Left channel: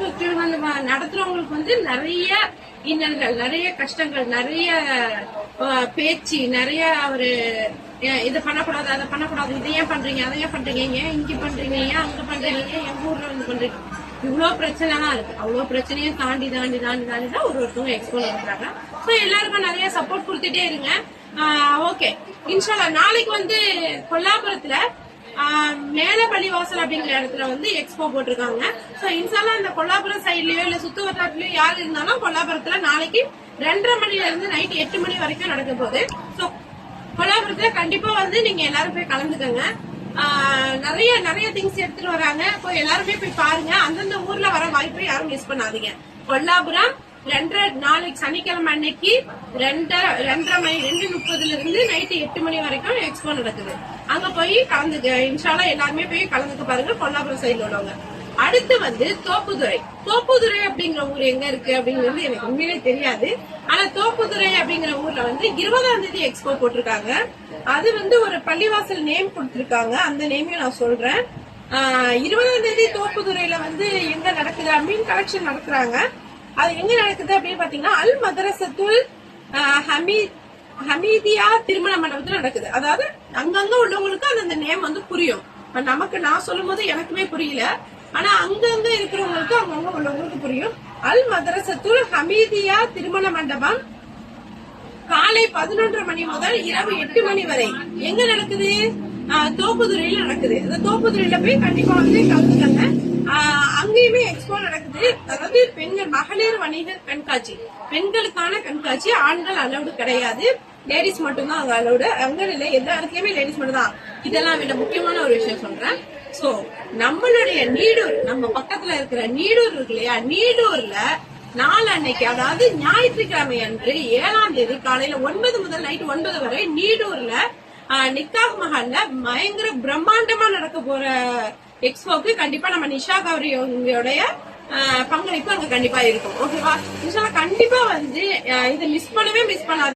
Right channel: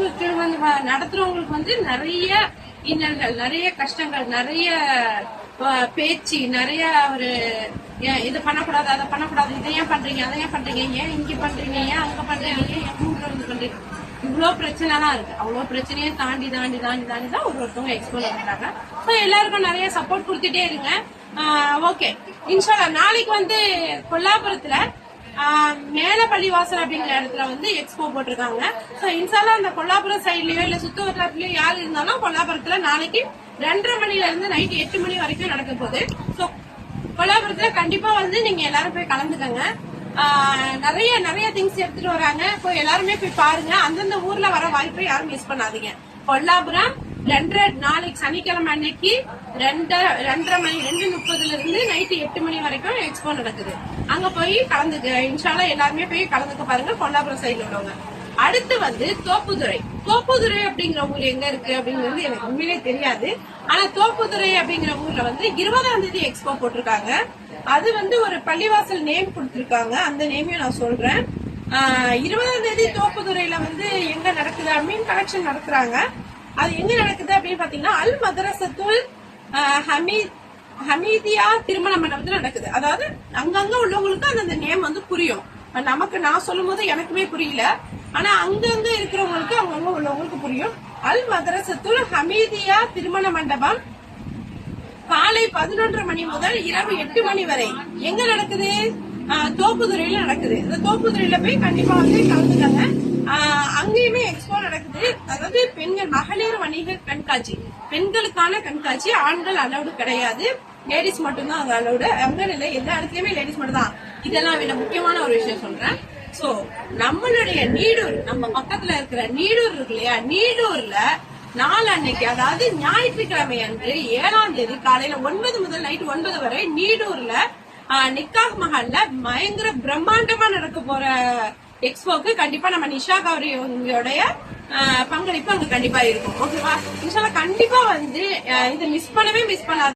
நடத்துறவங்களுக்கு நடத்துறவங்களுக்கு நிறைய இன்னல்கள், நிறைய கஷ்டங்கள், நிறைய பேச்சு, நிறைய ஒரு இதை பண்ணக்கூடாது, அதை பண்ணக்கூடாது, இதை ஏன் பண்றீங்க, அதை ஏன் பண்றீங்க, ஏன் இங்க பண்றீங்க, ஏன் அங்க பண்றீங்க, ஏன் எங்க ஊர்ல வந்து பண்றீங்க, இவ்வளவு பிரச்சனை தான் இருக்கு. அவ்வளவு பிரச்சனையும் தாண்டி தாண்டி தாண்டி தாண்டி தான் ஒருத்தவங்க எக்ஸ்போ நடத்துறாங்க. எல்லாருக்கும் நிறைய சப்போர்ட் கொடுத்துட்டே இருங்க. ஓகே, இன்ஷால்லா நாளைக்கு வந்து கொல்லாபுரத்துல மேல பள்ளிவாசல் அப்படிங்கிற இடத்துல வந்து எக்ஸ்போ போட்டிருக்காங்க. சோ இன்ஷால்லா இந்த கொல்லாபுரம் சைட்லயோ இல்ல சுத்துவட்டாரத்திலயோ யாரு இருந்தாலும் கொல்லாபுரத்துல நாளைக்கு 2:30 மணில இருந்து நைட் 8 மணி வரைக்கும் நடக்க போகுது. சோ கொல்லாபுரத்துல கண்டிப்பா வந்து நீங்க எல்லாரும் போய் கலந்துக்கங்க. நிறைய நிறைய திங்ஸ் எடுத்துட்டு வராங்க. எல்லாருமே போய் பாருங்க. அந்தந்த ஊர்ல வர வாய்ப்பை யாரும் மிஸ் பண்ணாதீங்க. கொல்லாபுரம் நாளைக்கு சனிக்கிழமை அன்னைக்கு 2:30 மணி 2:30 இருந்து நைட்டு 8 மணி வரைக்கும் எக்ஸ்போ நடக்குது. அங்க போய் கலந்துக்க இன்ஷால்லா எல்லாருமே போய் கலந்துக்க பாருங்க, கொல்லாபுரம் சைடுல உள்ளவங்க. அடுத்து வந்து தோப்புதுறை. தோப்புதுறை அப்படிங்கிற ஊர் எங்க இருக்கு அப்படிங்கிறது எனக்கு உண்மையிலே தெரியாது. ஆனா தோப்புதுறை அப்படிங்கிற ஊர்ல வந்து 20ஆம் தேதி எக்ஸ்போ போட்டிருக்காங்க. அது வந்து ஒரு பள்ளிவாசல் நேம் கொடுத்திருக்காங்க. அந்த நேமையும் நான் சொல்றேன். 20ஆம் தேதி தோப்புதுறையில வந்து எங்க நடக்குது, மீன் கலெக்ஷன் நடத்துறாங்க. அது எங்க நடக்குது அப்படின்னு பாத்தீங்கன்னா அல் மதரசத்துல் ஹமீதியா திருமண மண்டபத்துல நடக்குது. அதாவது அங்கங்க உள்ளவங்களுக்கு அந்த நேம் வந்து புரியும். நமக்கு நான் சொல்லும் போது எனக்குமே புரியல. ஆனா அங்கங்க இருக்கிறவங்களுக்கு அங்கங்க உள்ளவங்களுக்கு புரியும். அல் மதரசத்துல் ஹமீதியா திருமண மண்டபம் காலை 11:30 மணி முதல் இரவு 8 மணி வரை எங்க நடக்குது? தோப்புதுறையில நடக்குது. அந்த தோப்புதுறையில போய் கண்டிப்பா வந்து கலந்துட்டாங்க. அங்கேயுமே எக்ஸ்போ நடக்குது. அதாவது பெண்கள் மகளிர் வணிகர் கண்காட்சி, பெண்களுக்கான கண்காட்சி. ஆண்கள் அலௌடு கிடையாது, லேடிஸ் மட்டும்தான் அங்க அலௌடு. அங்க இல்லை, எல்லா இடத்துலயுமே லேடிஸ் மட்டும் தான். இதெல்லாம் விட முக்கியமான ஒரு விஷயம் சொல்றேன். சோ நம்மளுடைய நீடூர், நம்ம பக்கத்துல இருக்கிற நீடூர் இருக்கு இல்லையா, நீடூர்ல நாள் அன்னைக்கு, அதாவது ஞாயிற்றுக்கிழமை அன்று 7ஆம் தேதி காலையில 9 முதல் நைட் 9 வரை நீடூர்ல நிக்காஹ் மஹால்ல பயங்கர பிரம்மாண்டமா நடக்க போற எக்ஸ்போக்கு கண்டிப்பா நம்ம நிஷா கௌரியோடைய பங்களிப்பு அங்க கண்டிப்பா இருக்கும். ஓகேவா? நிஷா கண்டிப்பா வந்து இதை மிஸ் பண்ணாத.